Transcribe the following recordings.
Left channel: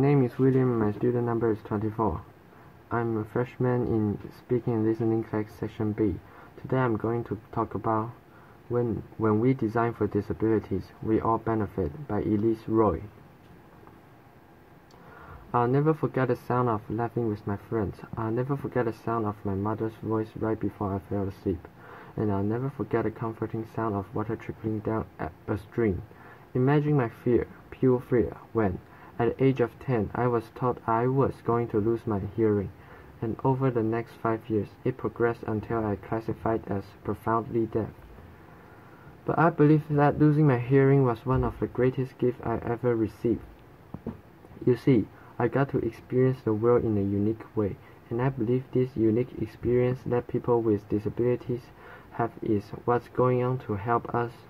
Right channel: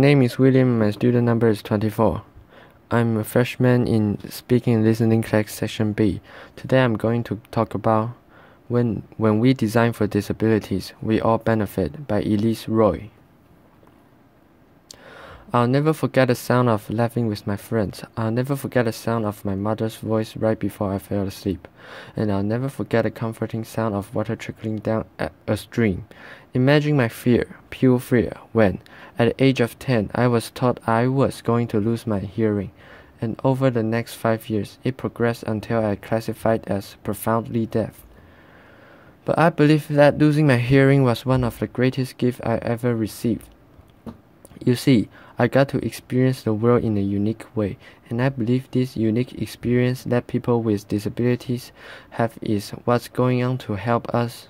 My name is William. My student number is 24. I'm a freshman in Speaking and Listening class section B. Today I'm going to talk about When We Design for Disabilities, We All Benefit by Elsie Roy. I'll never forget the sound of laughing with my friends. I'll never forget the sound of my mother's voice right before I fell asleep. And I'll never forget the comforting sound of water trickling down a stream. Imagine my fear, pure fear, when, at the age of 10, I was taught I was going to lose my hearing. And over the next 5 years, it progressed until I classified as profoundly deaf. But I believe that losing my hearing was one of the greatest gifts I ever received. You see, I got to experience the world in a unique way, and I believe this unique experience that people with disabilities have is what's going to help us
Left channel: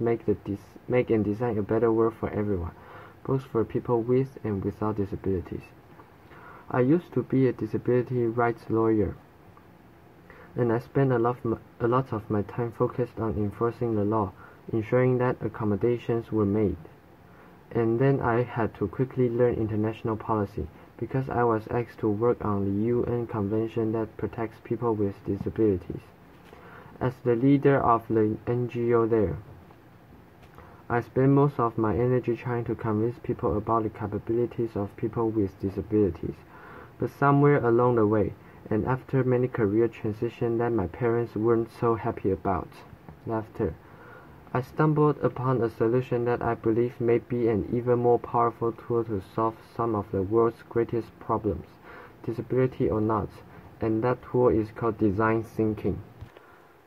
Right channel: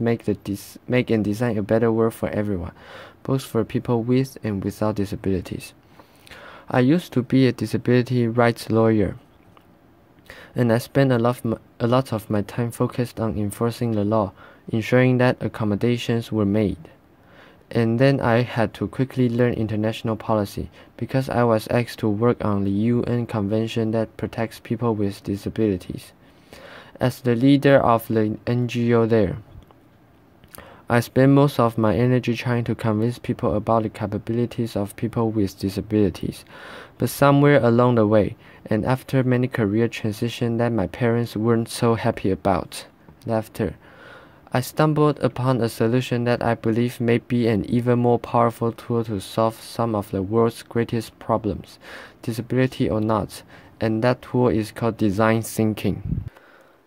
make and design a better world for everyone, both for people with and without disabilities. I used to be a disability rights lawyer, and I spent a lot of my time focused on enforcing the law, ensuring that accommodations were made. And then I had to quickly learn international policy because I was asked to work on the UN convention that protects people with disabilities. As the leader of the NGO there, I spent most of my energy trying to convince people about the capabilities of people with disabilities. But somewhere along the way, and after many career transitions that my parents weren't so happy about, laughter, I stumbled upon a solution that I believe may be an even more powerful tool to solve some of the world's greatest problems, disability or not, and that tool is called design thinking.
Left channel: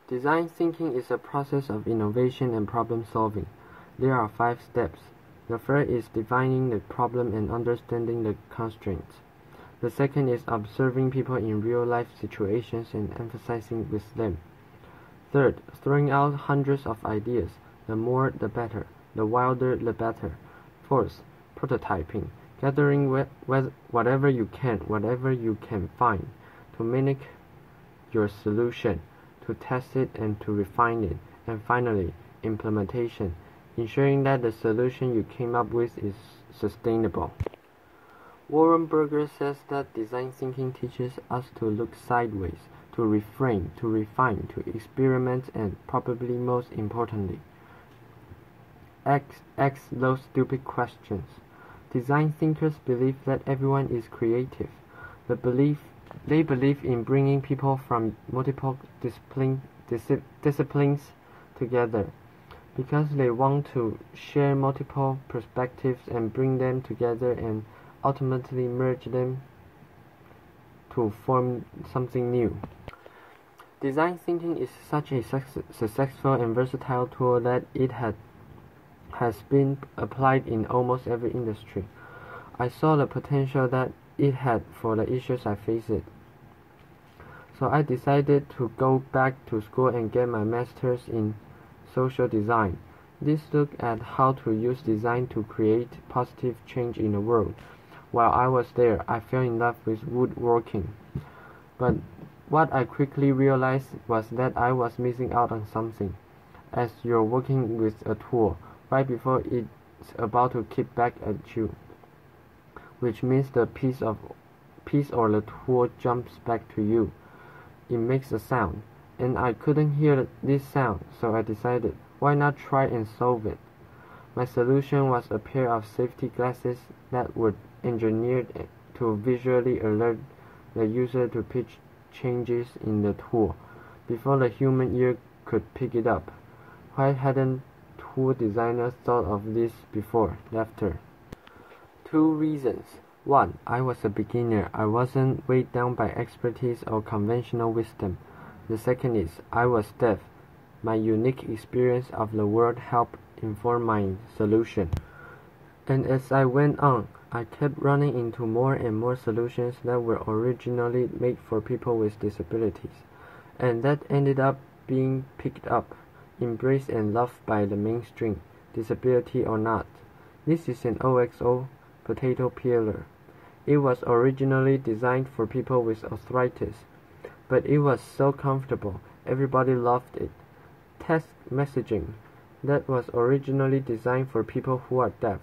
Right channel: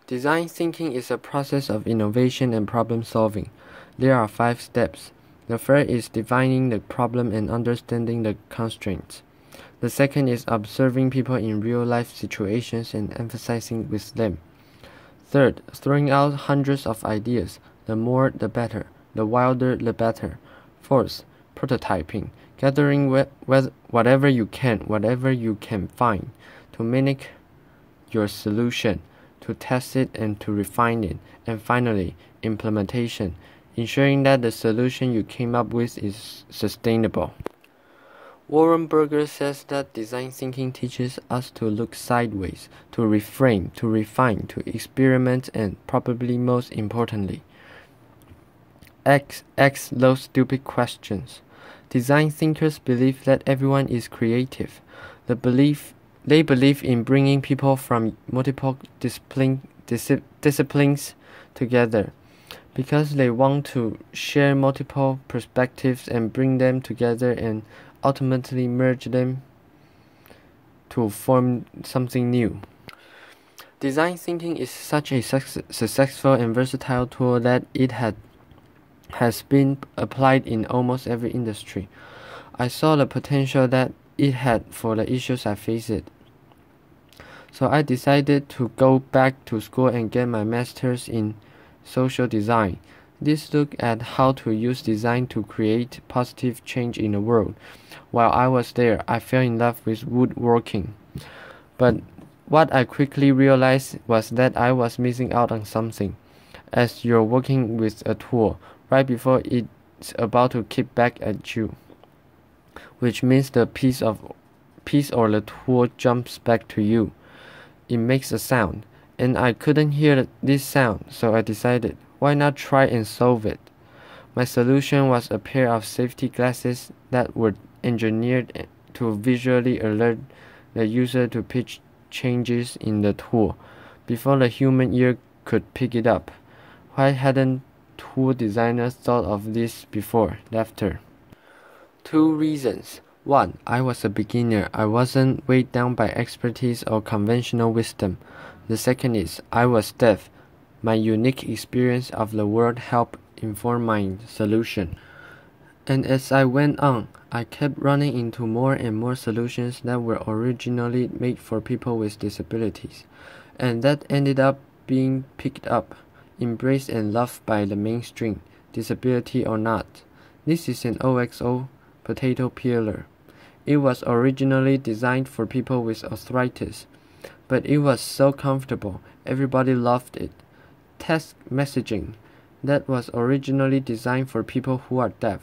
Design thinking is a process of innovation and problem solving. There are 5 steps. The first is defining the problem and understanding the constraints. The second is observing people in real-life situations and emphasizing with them. Third, throwing out hundreds of ideas. The more the better, the wilder the better. Fourth, prototyping, gathering whatever you can find to mimic your solution, to test it and to refine it. And finally, implementation, ensuring that the solution you came up with is sustainable. Warren Berger says that design thinking teaches us to look sideways, to reframe, to refine, to experiment, and probably most importantly, ask those stupid questions. Design thinkers believe that everyone is creative. They believe in bringing people from multiple disciplines together because they want to share multiple perspectives and bring them together and ultimately merge them to form something new. Design thinking is such a successful and versatile tool that it has been applied in almost every industry. I saw the potential that it had for the issues I faced. So I decided to go back to school and get my master's in social design. This looked at how to use design to create positive change in the world. While I was there, I fell in love with woodworking. But what I quickly realized was that I was missing out on something. As you're working with a tool, right before it's about to kick back at you, which means the piece or the tool jumps back to you. It makes a sound, and I couldn't hear this sound, so I decided, why not try and solve it? My solution was a pair of safety glasses that were engineered to visually alert the user to pitch changes in the tool before the human ear could pick it up. Why hadn't tool designers thought of this before? Laughter. 2 reasons. 1. I was a beginner. I wasn't weighed down by expertise or conventional wisdom. The second is, I was deaf. My unique experience of the world helped inform my solution. And as I went on, I kept running into more and more solutions that were originally made for people with disabilities, and that ended up being picked up, embraced and loved by the mainstream, disability or not. This is an OXO potato peeler. It was originally designed for people with arthritis, but it was so comfortable, everybody loved it. Text messaging that was originally designed for people who are deaf.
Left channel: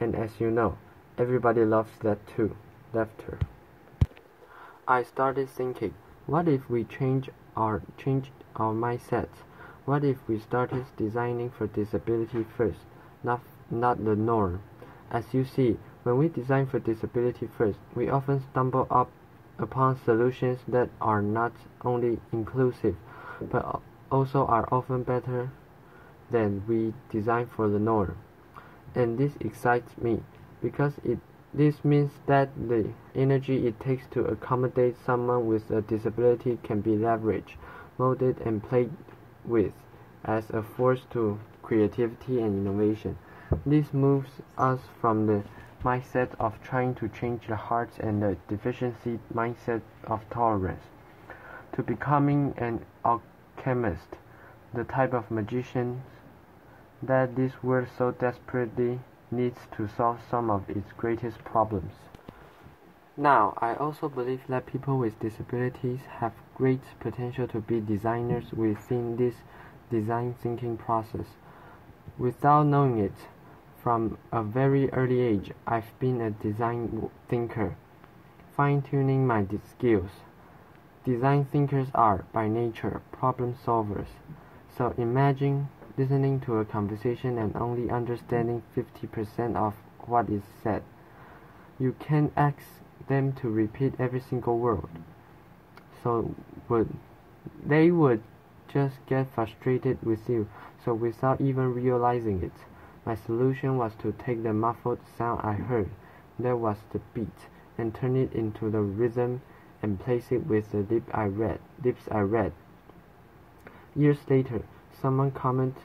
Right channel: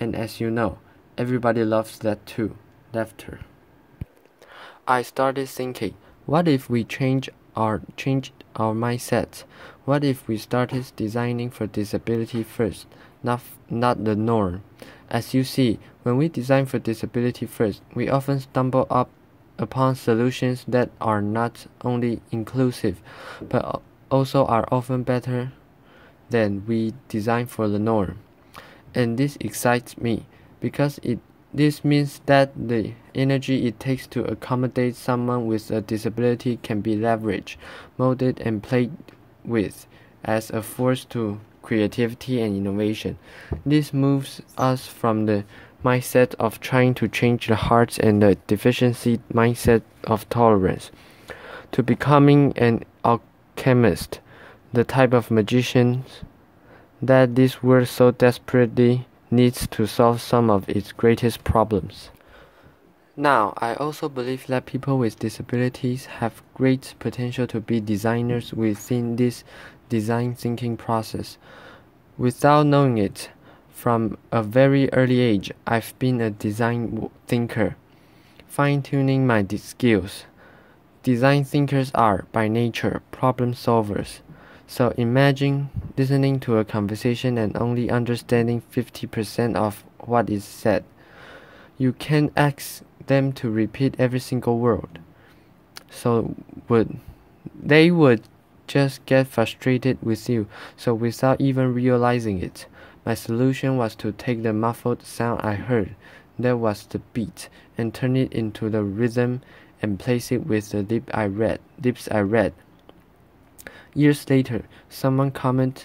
And as you know, everybody loves that too. Laughter. I started thinking, what if we changed our mindset? What if we started designing for disability first, not the norm? As you see, when we design for disability first, we often stumble upon solutions that are not only inclusive, but also are often better than we design for the norm. And this excites me because this means that the energy it takes to accommodate someone with a disability can be leveraged, molded, and played with as a force to creativity and innovation. This moves us from the mindset of trying to change the hearts and the deficiency mindset of tolerance to becoming an alchemist, the type of magician that this world so desperately needs to solve some of its greatest problems. Now, I also believe that people with disabilities have great potential to be designers within this design thinking process. Without knowing it, from a very early age, I've been a design thinker, fine-tuning my skills. Design thinkers are, by nature, problem solvers. So imagine listening to a conversation and only understanding 50% of what is said. You can't ask them to repeat every single word. So they would just get frustrated with you. So without even realizing it, my solution was to take the muffled sound I heard, that was the beat, and turn it into the rhythm and place it with the lips I read. Years later, someone commented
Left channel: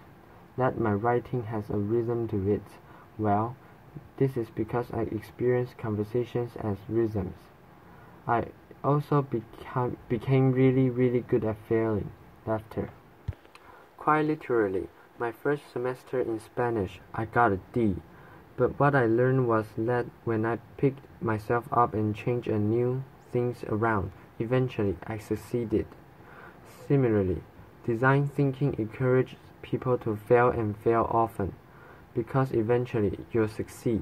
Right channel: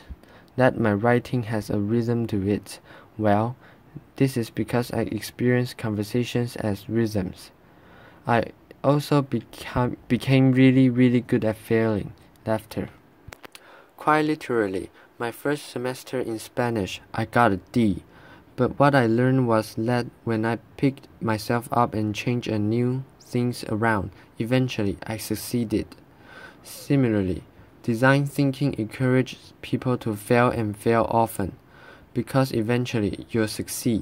that my writing has a rhythm to it. Well, this is because I experience conversations as rhythms. I also became really good at failing. Laughter. Quite literally, my first semester in Spanish, I got a D. But what I learned was that when I picked myself up and changed and new things around, eventually I succeeded. Similarly, design thinking encourages people to fail and fail often, because eventually you'll succeed.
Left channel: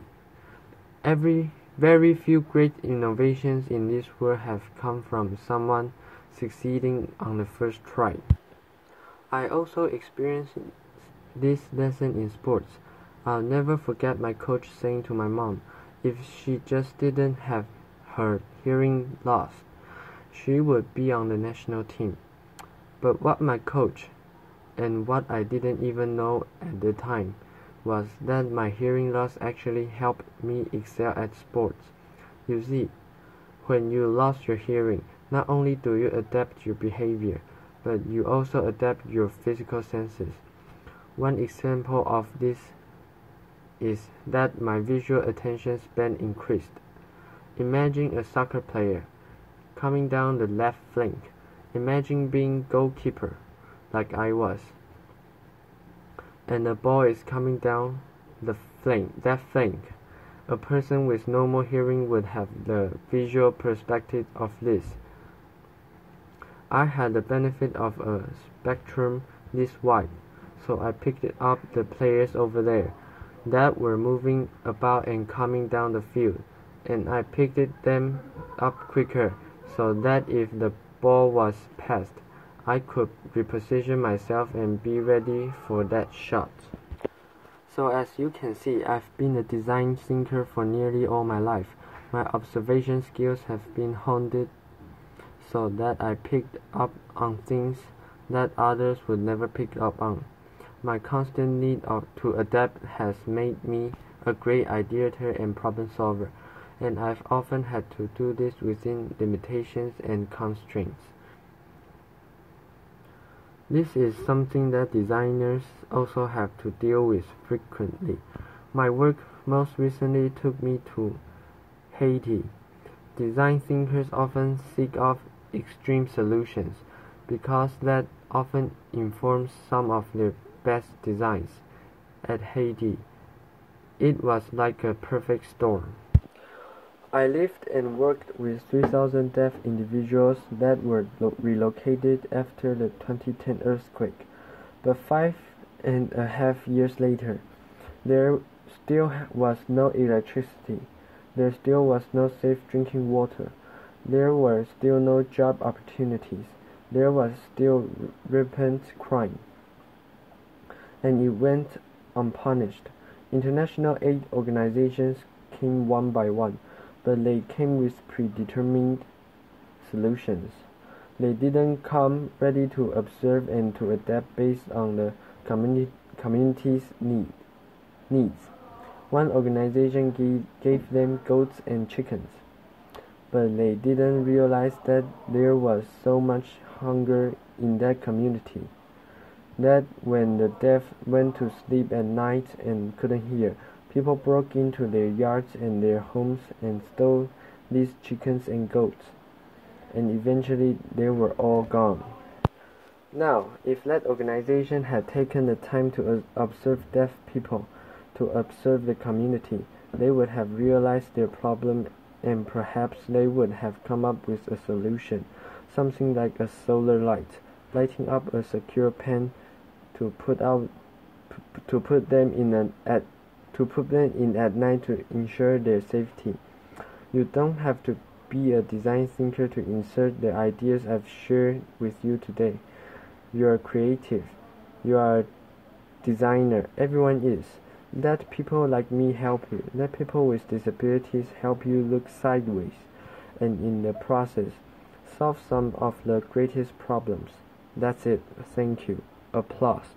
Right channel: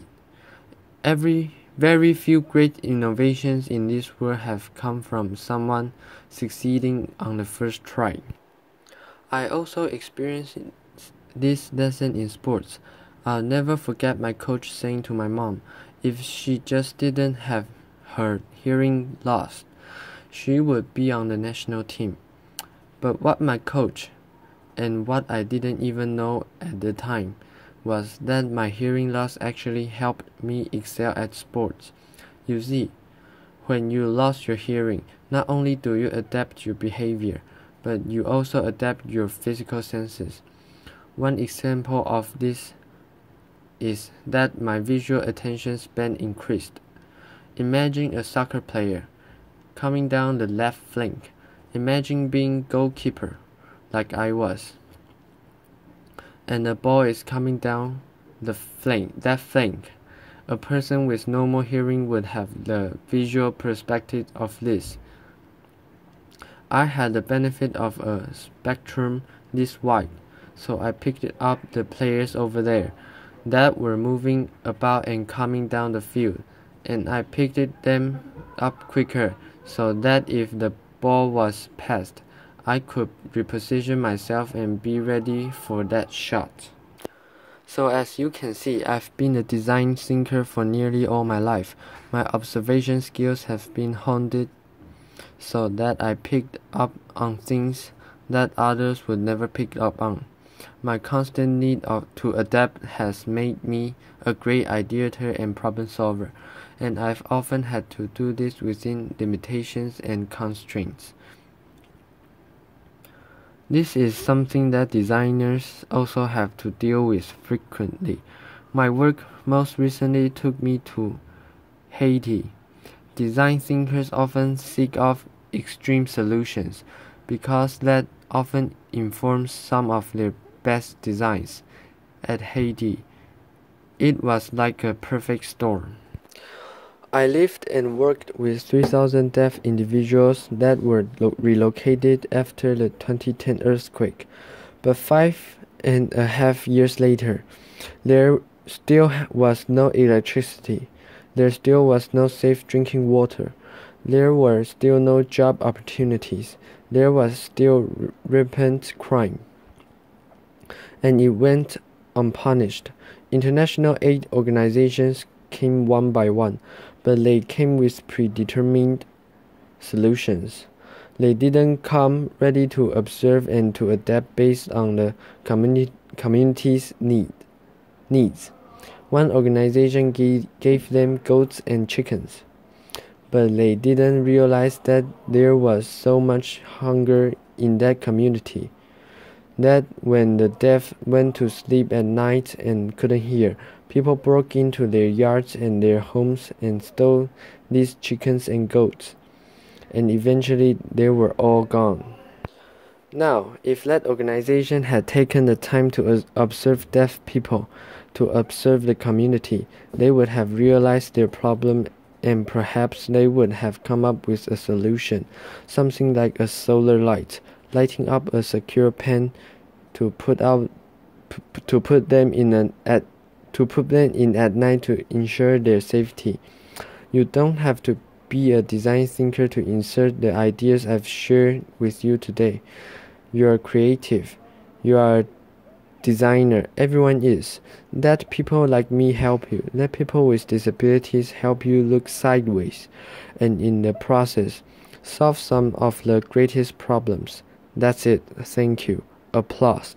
Very few great innovations in this world have come from someone succeeding on the first try. I also experienced this lesson in sports. I'll never forget my coach saying to my mom, if she just didn't have her hearing loss, she would be on the national team. But what my coach, and what I didn't even know at the time, was that my hearing loss actually helped me excel at sports. You see, when you lost your hearing, not only do you adapt your behavior, but you also adapt your physical senses. One example of this is that my visual attention span increased. Imagine a soccer player coming down the left flank. Imagine being goalkeeper, like I was, and the ball is coming down that flank. A person with normal hearing would have the visual perspective of this. I had the benefit of a spectrum this wide, so I picked up the players over there that were moving about and coming down the field, and I picked them up quicker so that if the ball was passed, I could reposition myself and be ready for that shot. So as you can see, I've been a design thinker for nearly all my life. My observation skills have been honed so that I picked up on things that others would never pick up on. My constant need to adapt has made me a great ideator and problem solver, and I've often had to do this within limitations and constraints. This is something that designers also have to deal with frequently. My work most recently took me to Haiti. Design thinkers often seek out extreme solutions because that often informs some of their best designs. At Haiti, it was like a perfect storm. I lived and worked with 3,000 deaf individuals that were relocated after the 2010 earthquake. But 5.5 years later, there still was no electricity. There still was no safe drinking water. There were still no job opportunities. There was still rampant crime. And it went unpunished. International aid organizations came one by one, but they came with predetermined solutions. They didn't come ready to observe and to adapt based on the community's needs. One organization gave them goats and chickens, but they didn't realize that there was so much hunger in that community that when the deaf went to sleep at night and couldn't hear, people broke into their yards and their homes and stole these chickens and goats, and eventually they were all gone. Now, if that organization had taken the time to observe deaf people, to observe the community, they would have realized their problem, and perhaps they would have come up with a solution, something like a solar light, lighting up a secure pen to put them in at night to ensure their safety. You don't have to be a design thinker to insert the ideas I've shared with you today. You are creative. You are a designer. Everyone is. Let people like me help you. Let people with disabilities help you look sideways, and in the process, solve some of the greatest problems. That's it. Thank you. Applause.